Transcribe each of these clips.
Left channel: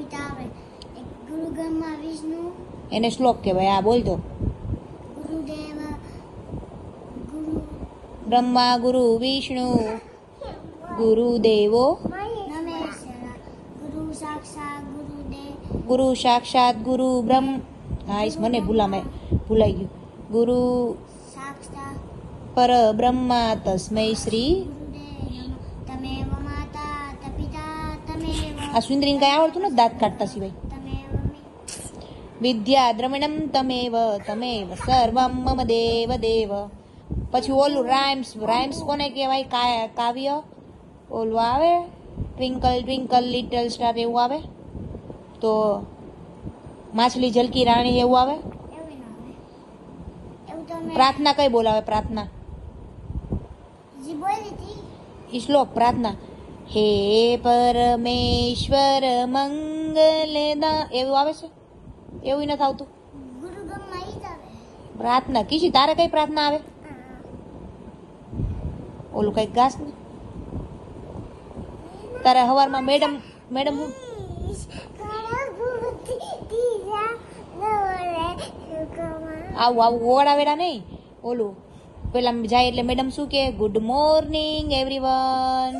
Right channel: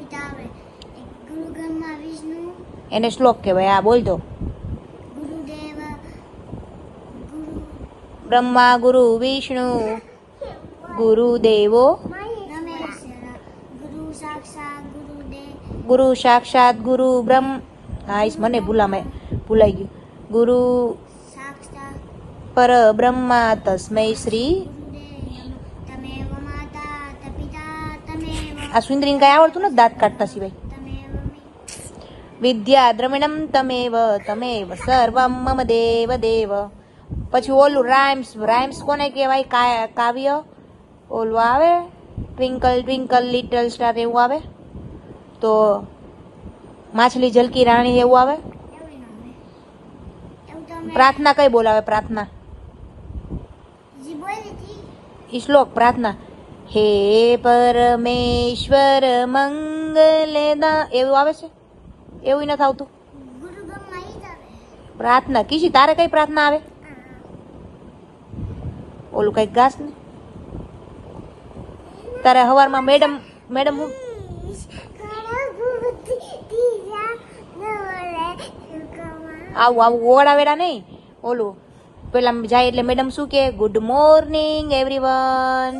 કવિતા આવે એક ગુરુ બ્રહ્મા વિષ્ણુ એને શ્લોક કહેવાય. આ બોલ તો. ગુરુદેવ ગુરુ બ્રહ્મા ગુરુ વિષ્ણુ ગુરુદેવો નમસ્કાર ગુરુ સાક્ષાત ગુરુદેવ ગુરુ સાક્ષાત ગુરુ બ્રહ્મ. હા મને ભૂલાઈ ગયું. ગુરુ સાક્ષાત પર બ્રહ્મા તસ્મૈ શ્રી. ગુરુદેવ નમઃ તમેવ માતા પિતા તમેવ આ સુંદરીને કઈ આવડતું નથી દાંત કાઢતા સિવાય. તમેવ વિદ્યા દ્રવિણમ તમેવ તમેવ સર્વમ મમ દેવ દેવ. પછી ઓલું રાઇમ્સ કોને કહેવાય? કાવ્ય ઓલું આવે ટ્વિંકલ ટ્વિંકલ લિટલ સ્ટાર એવું આવે. તો માછલી ઝલકી રાણી એવું આવે. એવું ના આવે એવું તમે પ્રાર્થના કઈ બોલાવે? પ્રાર્થના જી બોલી હતી ઈ શ્લોક પ્રાર્થના. હે પરમેશ્વર મંગલદા એવું આવે છે? એવું નથી આવતું. ગુરુ બ્રહ્મા ઈ જ આવે પ્રાર્થના કીધી તારે કઈ પ્રાર્થના આવે? ઓલું કઈક ગાસ ને તારે હવારમાં મેડમ હું આવું ઓળાવેરા નહીં. ઓલું પેલા જાય એટલે મેડમ શું કે? ગુડ મોર્નિંગ એવરીવન,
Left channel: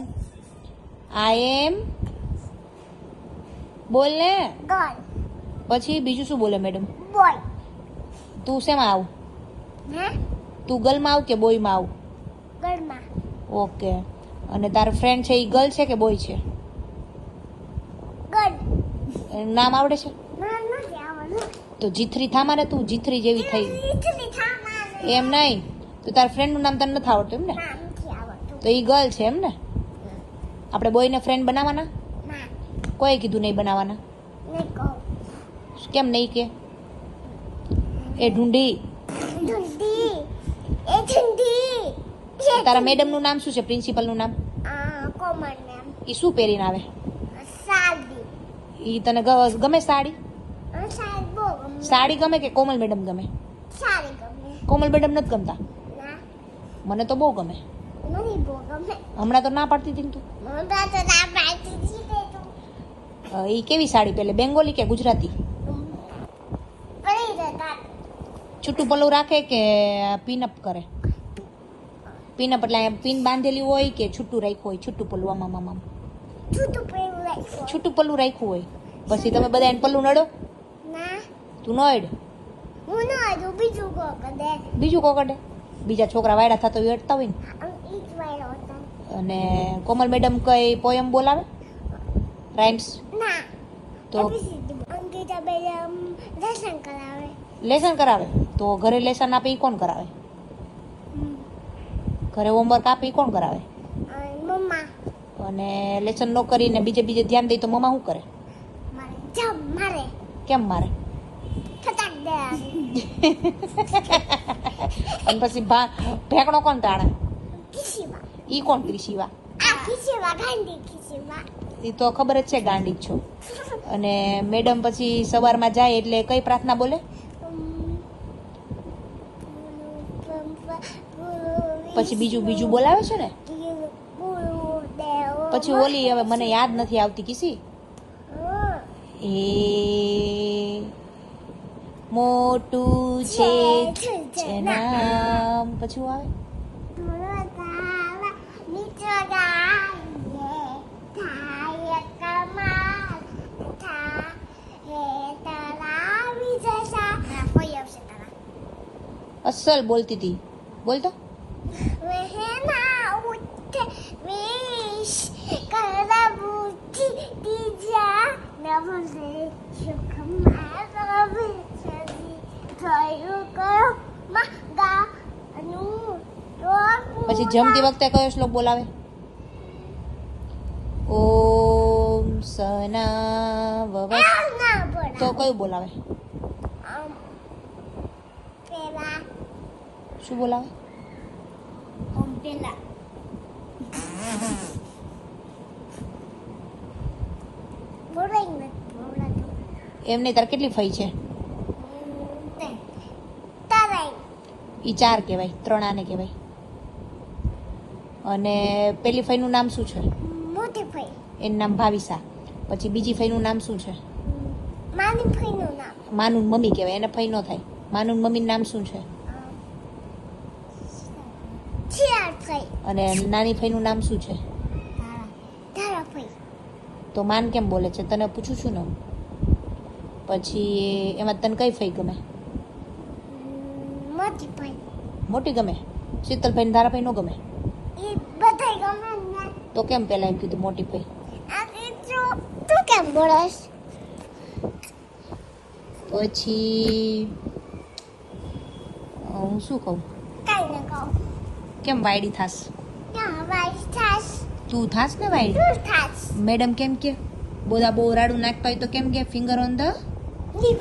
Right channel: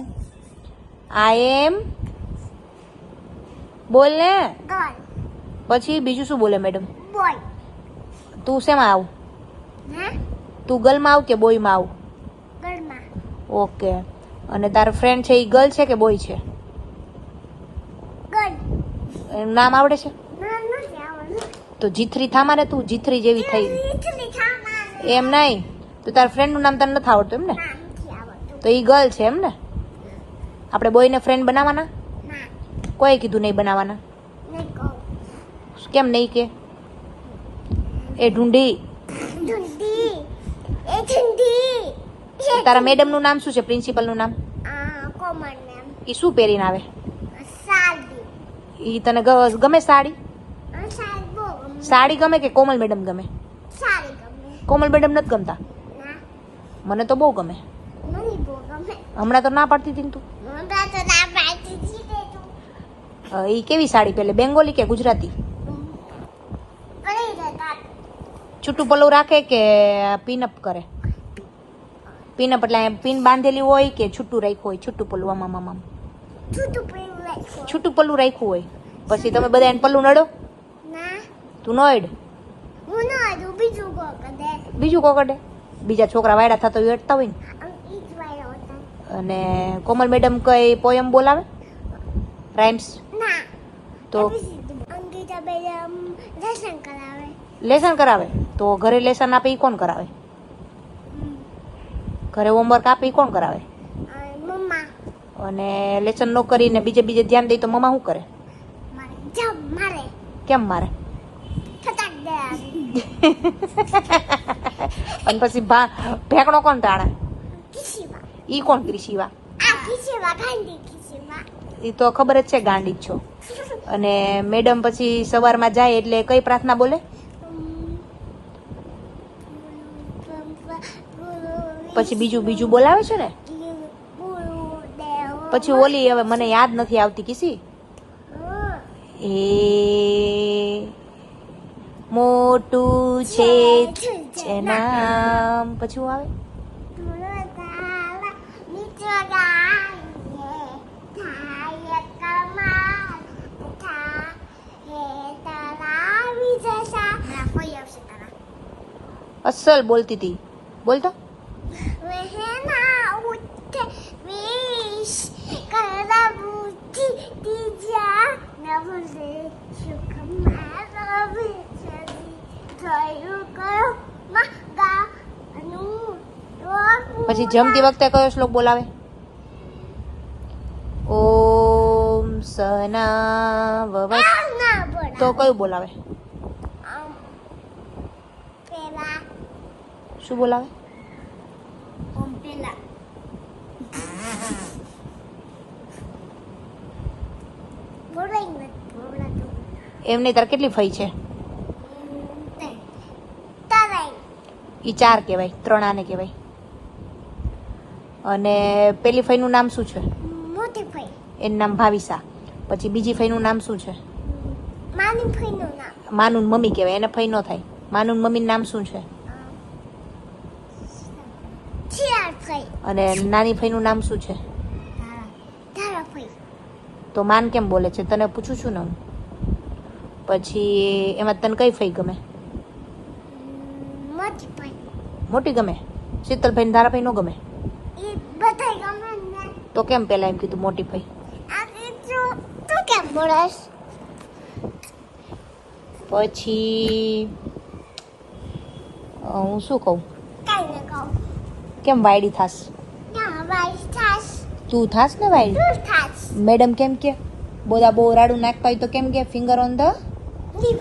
આઈ એમ બોલ ને. ગર્લ પછી બીજું શું બોલે મેડમ? બોય તું શેમાં આવું? હે તું ગર્લમાં આવ કે બોયમાં આવ? ગર્લમાં ઓકે. અને તારો ફ્રેન્ડ છે એ ગર્લ છે કે બોય છે? ગર્લ એનું નામ આવડે છે? નામ નથી આવડતું તો જીથરી થામા ને તું જીથરી જેવી થઈ. ઈટલી થામાને એમ નહીં તો તારા ફ્રેન્ડનું નામ તને નથી આવડતું એમ ને? નામ નથી આવડતું તો એ ગર્લ છે એમ ને? આપણે બોયને ફ્રેન્ડ બનાવવાના? ના કોઈ કીધું નહીં બનાવવાના. ને કહું કેમ નહીં કે? એ ઢૂંઢી ઢૂંઢી એ ઢૂંઢી તારા મેડમનું નામ શું છે? પ્રિન્સિપલનું નામ? કોમન નામ એ શું પહેરીને આવે? સાદી એ તને ગમે સાડી? સાડી બહુ ગમે સાડી ગમે કે કોમલ મેડમ ગમે? સાડી ગમે કોમલ મેડમ નથી ગમતા? ના મને તો બહુ ગમે. મને બહુ ગમે હમણાં તો ના પાડતી હતી ને તું. મને તો ના પાડતી હતી તે તું એ કેવી સાડી પહેરે? બેંગોલી કે ગુજરાતી? કરી દેતા છૂટું પલ્લું રાખે કે પિનઅપ કરે? પિનઅપ એટલે પિન બાંધેલી હોય કે છૂટું રાખ્યું હોય? છૂટું પલ્લું આમાં છૂટું પહેરું રાખો છૂટું પલ્લું રાખ્યું હોય પછી તમે બધા એને પલ્લું નડો? ના તું નો અડ? હું ના હજુ બીજું કો કદે બીજું કોકડે બીજા છોકરા વાયડા થતા હોય અડતા હોય ને. ઈ જ વાયો હતા અને કોમલ મેડમ કઈ પોયમ બોલાવે? રાઇમ્સ? ના તો અંકિતા બેન લેસન કરાવે લેસન કરાવે? તો ઘરે લેસન આપે એ કોણ કરાવે? ઘરે હોમવર્ક આપે એ કોણ કરાવે? મમ્મા અને લેસન ન કરીને બીજે ધ્યાન દે તો મમ્મા શું કરે? મારે જમ મારે કેમ મારે? ફટાક દે અને પછી ઢેકણો કોણ તાળા? ખીસીવા ઈ કોણ ક્રિશીવા? આ ખીસીવા ગાંધી ખીસીવા એ તો ખબર જ છે ગાંડી જ છો. અને મેડમ પછી સવારમાં જાય એટલે કઈ પ્રાર્થના બોલે? પછી બીજું બોલાવે છે ને? પછી ઓલી હવે મને યાદ નથી આવતી કિસી. એ મોટું છે નામ. પછી હું આવે અસલ બોલતી હતી. બોલતો પછી જમતી વખતે કયો શ્લોક બોલાવે? ઓમ સના ભવતુ. તો કયું બોલાવે? શું બોલાવે? ઓમ પેલા બોલાઈ નથી બોલાતું એમને તાર કેટલી ફઈ છે? તારાઈ ઈ 4 કહેવાય, 3 આને કહેવાય. અને પેલી ફઈનું નામ શું છે? મોટી ફઈ એનું નામ ભાવિસા. પછી બીજી ફઈનું નામ શું છે? માની ફઈનું નામ માનું મમ્મી કહેવાય, એને ફઈ ન થાય. માનું મમ્મીનું નામ શું છે? શિયાળ ફઈ. અને નાની ફઈનું નામ શું છે? ધારા ફઈ. તો માન કેમ બોલે છે? તને પૂછું છું ને હું. પછી એમાં તને કઈ ફઈ ગમે? મોટી ફઈ. મોટી ગમે? શીતલભાઈ ને ધારાભાઈ નો ગમે? એ બધાય ગમે ને. તો કેમ પેલા એમ કીધું મોટી ફઈ? આ તું કેમ બોલસ? પછી હું શું કહું? કઈ ને કહું. કેમ વાયડી થાસ? ના વાઈસ થાસ. તું થાસ ને વાયડી? તું થાસ. મેડમ કેમ કે બોધા બહુ રાડું નાખતા હોય તો કેમ કે ફિંગર ઓન ધ લીપ.